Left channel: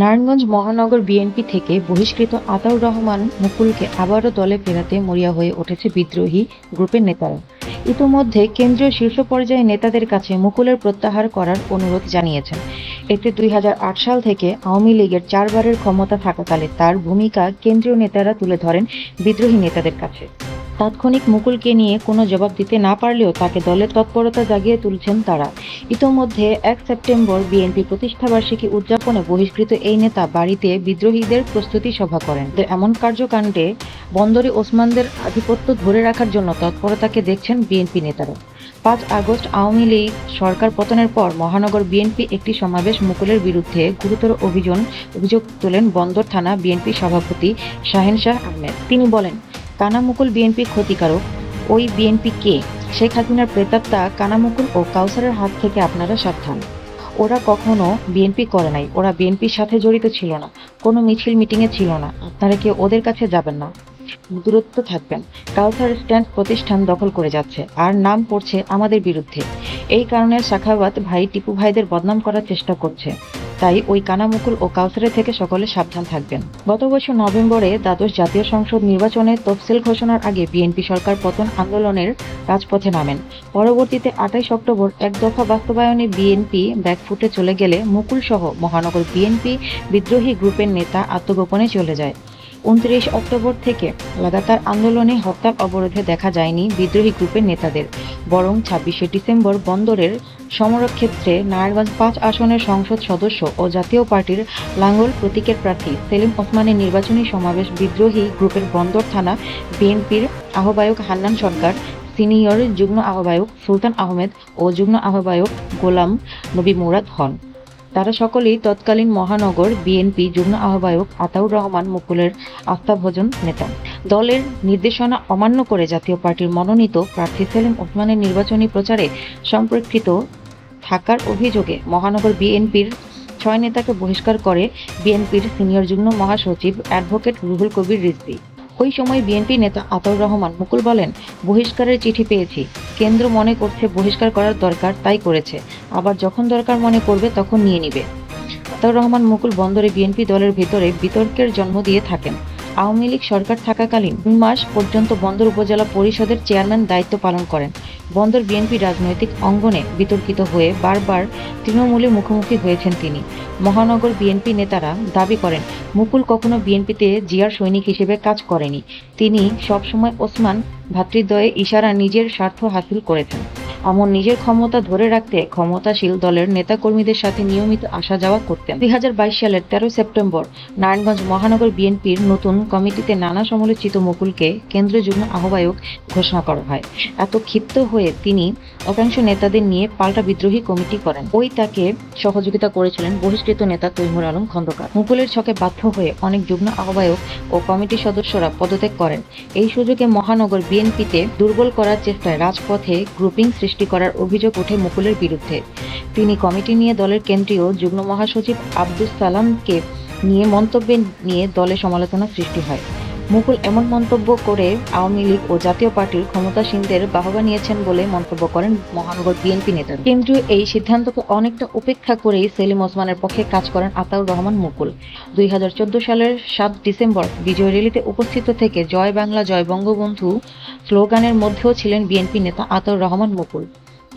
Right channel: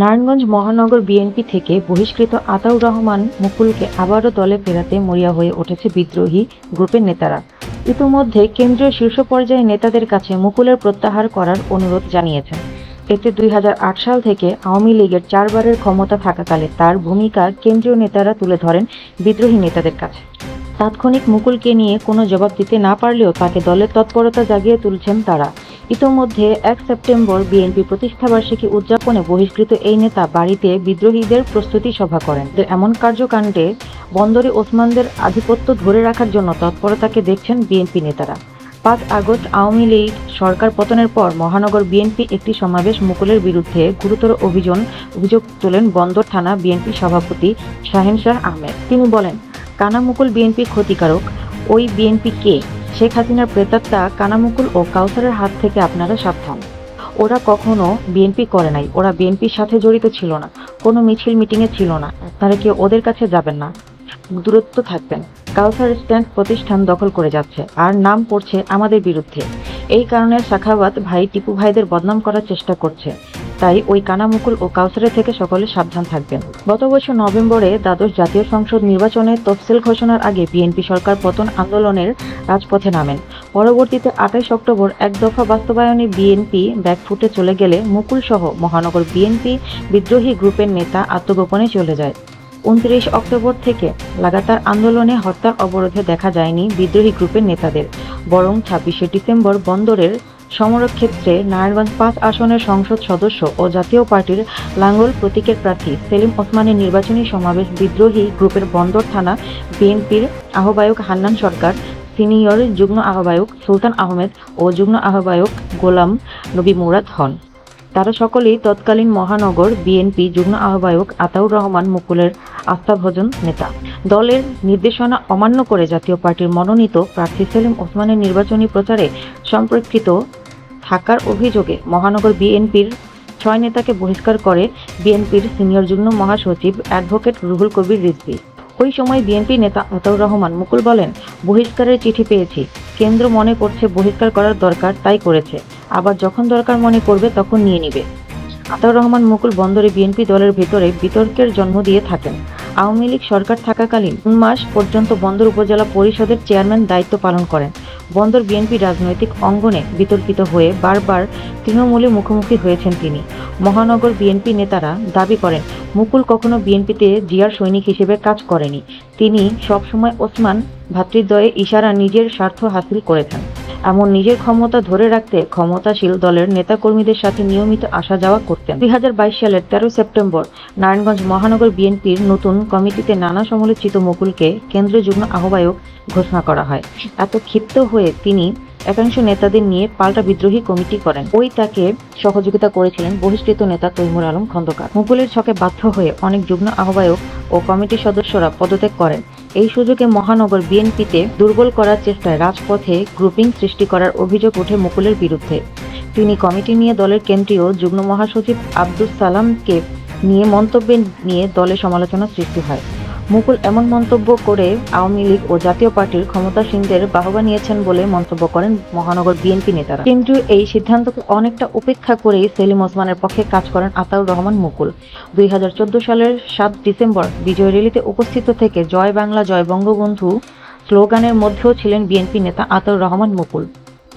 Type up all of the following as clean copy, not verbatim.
নারায়ণগঞ্জ মহানগর বিএনপি থেকে বহিষ্কৃত আতাউর রহমান মুকুলকে আবারও দলে ফেরাতে মরিয়া হয়ে উঠেছে বিদ্রোহী গ্রুপের নেতারা। ইতিমধ্যে কেন্দ্রীয় শীর্ষ পর্যায়ের নেতাদের কাছে মুকুলের প্রত্যাহার করার অনুরোধ জানিয়েছেন। এতে 2008 সাল থেকে আওয়ামী লীগের 4 বারের ক্ষমতা থাকাকালে তার ভূমিকা কেন্দ্রীয় নেতারা তুলে ধরেন বিদ্রোহী নেতাদের কাছে। তাৎক্ষণিক মুকুলকে নিয়ে কোনো জবাব দিতে না পারলেও তাকে দলের তৎপরতা জাগিয়ে তুলছেন তারা। ইতোমধ্যে 1 সেপ্টেম্বর বিএনপি প্রতিষ্ঠাবার্ষিকী উদযাপনে বহিষ্কৃত এই নেতা বাড়িতে বিদ্রোহীদের প্রস্তুতি সভা করেন। এমন কার্যকাণ্ডে বন্দরে ওসমানদের আধিপত্য ধরে রাখার জন্য তৎপরতাকে দেখছেন বিএনপি নেতারা। 5 আগস্ট আওয়ামী লীগ সরকার পতনের পর মহানগর বিএনপি একটি সমাবেশ মুকুলের বিরুদ্ধে গুরুতর অভিযোগ তোলেন বন্দর থানা বিএনপি সভাপতি শাহেন শাহ আহমেদ। তিনি বলেন, কানা মুকুল বিএনপি ক্ষতিকারক। ওই বিএনপি কে? শেখ হাসিনার প্রেতাত্মা কানা মুকুল ও কাউসারের হাত থেকে আপনারা সাবধান। ওরা কখনো বিএনপি করে নাই, ওরা বিএনপির সাথে জড়িত ছিল না, কোনো মিছিল মিটিংয়ে ছিল না। আপনারা কি ওদের কাছে যাবেন না? দূরত্ব থাকবেন। কাউসার স্ট্যান্ড প্রতিষ্ঠান দখল করে যাচ্ছে আর নাম পড়ছে আমাদের বিরুদ্ধে। এই কারণে সাখাওয়াত ভাই টিপু ভাইদের বদনাম করার চেষ্টা করছে। তাই ওই কানা মুকুল ও কাউসারের থেকে সকলে সাবধান থাকবেন। গত বছর নভেম্বরে দ্বাদশ জাতীয় সংসদ নির্বাচনে তফসিল ঘোষণার আগে বিএনপি সরকার পতন আন্দোলনের রাজপথে নামেন। পরবর্তীতে 28 অক্টোবর এক দফা বাস্তবায়নে বিএনপি ব্যাকফুটে চলে গেলে মুকুল সহ মহানগর বিএনপি বিদ্রোহী গ্রুপের নেতা আত্মগোপনে চলে যায়। 29 অক্টোবর থেকে লাগাতার আন্দোলনে হরতাল অবরোধে দেখা যায়নি বিদ্রোহী গ্রুপের নেতাদের, বরং 26শে ডিসেম্বর বন্দরের সমরক্ষেত্রে নারায়ণগঞ্জ 5 আসনের সংসদ সদস্য ও জাতীয় পার্টির লাঙ্গল প্রতীকের প্রার্থী সেলিম ওসমানের নির্বাচনী সমাবেশ বিদ্রোহী গ্রুপের বন্দর থানা বিএনপির আহ্বায়ক হান্নান সরকার, সিনিয়র যুগ্ম আহ্বায়ক সুলতান আহমেদ ও যুগ্ম আহ্বায়ক গোলাম নবী মুরাদ হন। তারা সকলেই তৎকালীন মহানগর বিএনপি যুগ্ম আহ্বায়ক আতাউর রহমান মুকুলের আস্থাভাজন নেতা। দলের নির্দেশনা অমান্য করে জাতীয় পার্টির মনোনীত প্রার্থী সেলিম ওসমানের নির্বাচনী প্রচারে সম্পৃক্ত থাকার অভিযোগে মহানগর বিএনপির 6 নেতাকে বহিষ্কার করে বিএনপির সিনিয়র যুগ্ম মহাসচিব অ্যাডভোকেট রুহুল কবির রিজভী। ওই সময় বিএনপি নেতা আতাউর রহমান মুকুল বলেন, বহিষ্কারের চিঠি পেয়েছি, কেন্দ্র মনে করছে বহিষ্কার করার দরকার তাই করেছে, আবার যখন দরকার মনে করবে তখন নিয়ে নিবে। আতাউর রহমান মুকুল বন্দরে বিএনপি দলের ভেতরে বিতর্কের জন্ম দিয়ে থাকেন। আওয়ামী লীগ সরকার থাকাকালীন 3 মাস পর্যন্ত বন্দর উপজেলা পরিষদের চেয়ারম্যান দায়িত্ব পালন করেন। বন্দর বিএনপি রাজনৈতিক অঙ্গনে বিতর্কিত হয়ে বারবার তৃণমূলের মুখোমুখি হয়েছেন তিনি। মহানগর বিএনপি নেতারা দাবি করেন, মুকুল কখনো বিএনপিতে জিয়ার সৈনিক হিসেবে কাজ করেনি। তিনি সবসময় ওসমান ভ্রাতৃদ্বয়ের ইশারা নিজের স্বার্থ হাসিল করেছেন। এমন নিজের ক্ষমতা ধরে রাখতে ক্ষমতাশীল দলের নেতাকর্মীদের সাথে নিয়মিত আসা যাওয়া করতেন। 2022 সালের 13 সেপ্টেম্বর নারায়ণগঞ্জ মহানগর বিএনপির নতুন কমিটিতে নানা সমালোচিত মুকুলকে কেন্দ্রীয় যুগ্ম আহ্বায়ক ঘোষণা করা হয়। এত ক্ষিপ্ত হয়ে তিনি একাংশ নেতাদের নিয়ে পাল্টা বিদ্রোহী কমিটি করেন। ওই তাকে সহযোগিতা করেছিলেন বহিষ্কৃত নেতা তৈমুর আলম খন্দকার। মুকুলের ছকে বাধ্য হয়ে অনেক যুগ্ম আহ্বায়ক ও কমিটির সদস্যরা পদত্যাগ করেন। এই সুযোগে মহানগর বিএনপিতে দুর্বল করার চেষ্টায় রাজপথে গ্রুপিং সৃষ্টি করার অভিযোগ ওঠে মুকুলের বিরুদ্ধে। তিনি কমিটি নিয়ে দলের কেন্দ্রীয় যুগ্ম মহাসচিব আব্দুস সালামকে নিয়ে মন্তব্য নিয়ে দলে সমালোচনা সৃষ্টি হয়। মুকুল এমন মন্তব্য করে আওয়ামী লীগ ও জাতীয় পার্টির ক্ষমতাসীনদের বাহবা নিয়েছেন বলে মন্তব্য করেন মহানগর বিএনপি নেতারা। কেন্দ্রীয় এই সিদ্ধান্তকে অনেকটা উপেক্ষা করেই সেলিম ওসমানের পক্ষে কাজ করেন আতাউর রহমান মুকুল। 2014 সালের 7 ডিসেম্বর বিজয় র্যালিতে উপস্থিত থেকে জয় বাংলা জয় বঙ্গবন্ধু স্লোগানের মধ্যেও ছিলেন বিএনপি নেতা আতাউর রহমান মুকুল।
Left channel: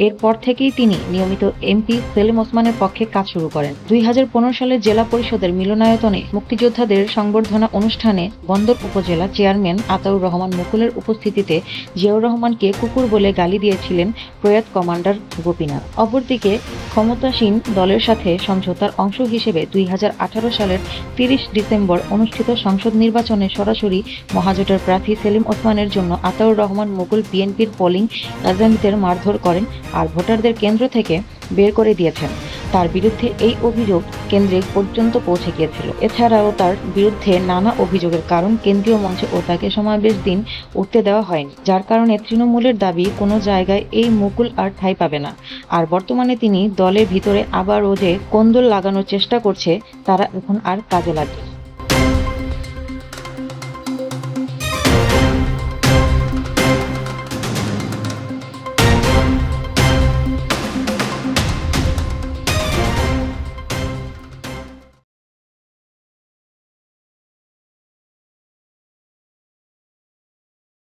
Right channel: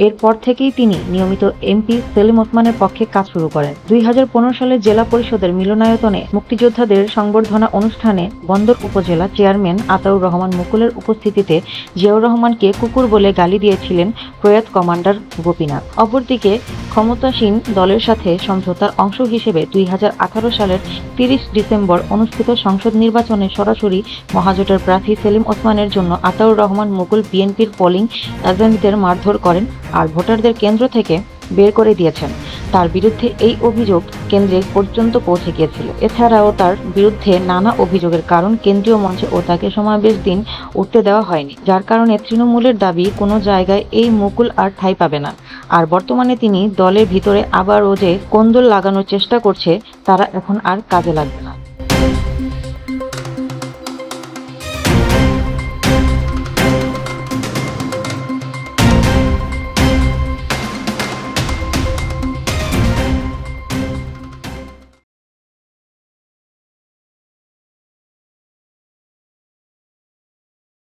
এরপর থেকেই তিনি নিয়মিত এমপি সেলিম ওসমানের পক্ষে কাজ শুরু করেন। 2015 সালে জেলা পরিষদের মিলনায়তনে মুক্তিযোদ্ধাদের সংবর্ধনা অনুষ্ঠানে বন্দর উপজেলা চেয়ারম্যান আতাউর রহমান মুকুলের উপস্থিতিতে জিয়াউর রহমানকে কুকুর বলে গালি দিয়েছিলেন প্রয়াত কমান্ডার গোপীনাথ। অপরদিকে ক্ষমতাসীন দলের সাথে সমঝোতার অংশ হিসেবে 2018 সালের 30 ডিসেম্বর অনুষ্ঠিত সংসদ নির্বাচনে সরাসরি মহাজোটের প্রার্থী সেলিম ওসমানের জন্য আতাউর রহমান মুকুল বিএনপির পোলিং এজেন্টদের মারধর করেন আর ভোটারদের কেন্দ্র থেকে বের করে দিয়েছেন। তার বিরুদ্ধে এই অভিযোগ কেন্দ্রে পর্যন্ত পৌঁছে গিয়েছিল। এছাড়াও তার বিরুদ্ধে নানা অভিযোগের কারণ কেন্দ্রীয় মঞ্চে ও তাকে সমাবেশ দিন উঠতে দেওয়া হয়নি, যার কারণে তৃণমূলের দাবি কোনো জায়গায় এই মুকুল আর ঠাঁই পাবে না। আর বর্তমানে তিনি দলের ভিতরে আবারও যে কোন্দল লাগানোর চেষ্টা করছে তারা এখন আর কাজে লাগবে না।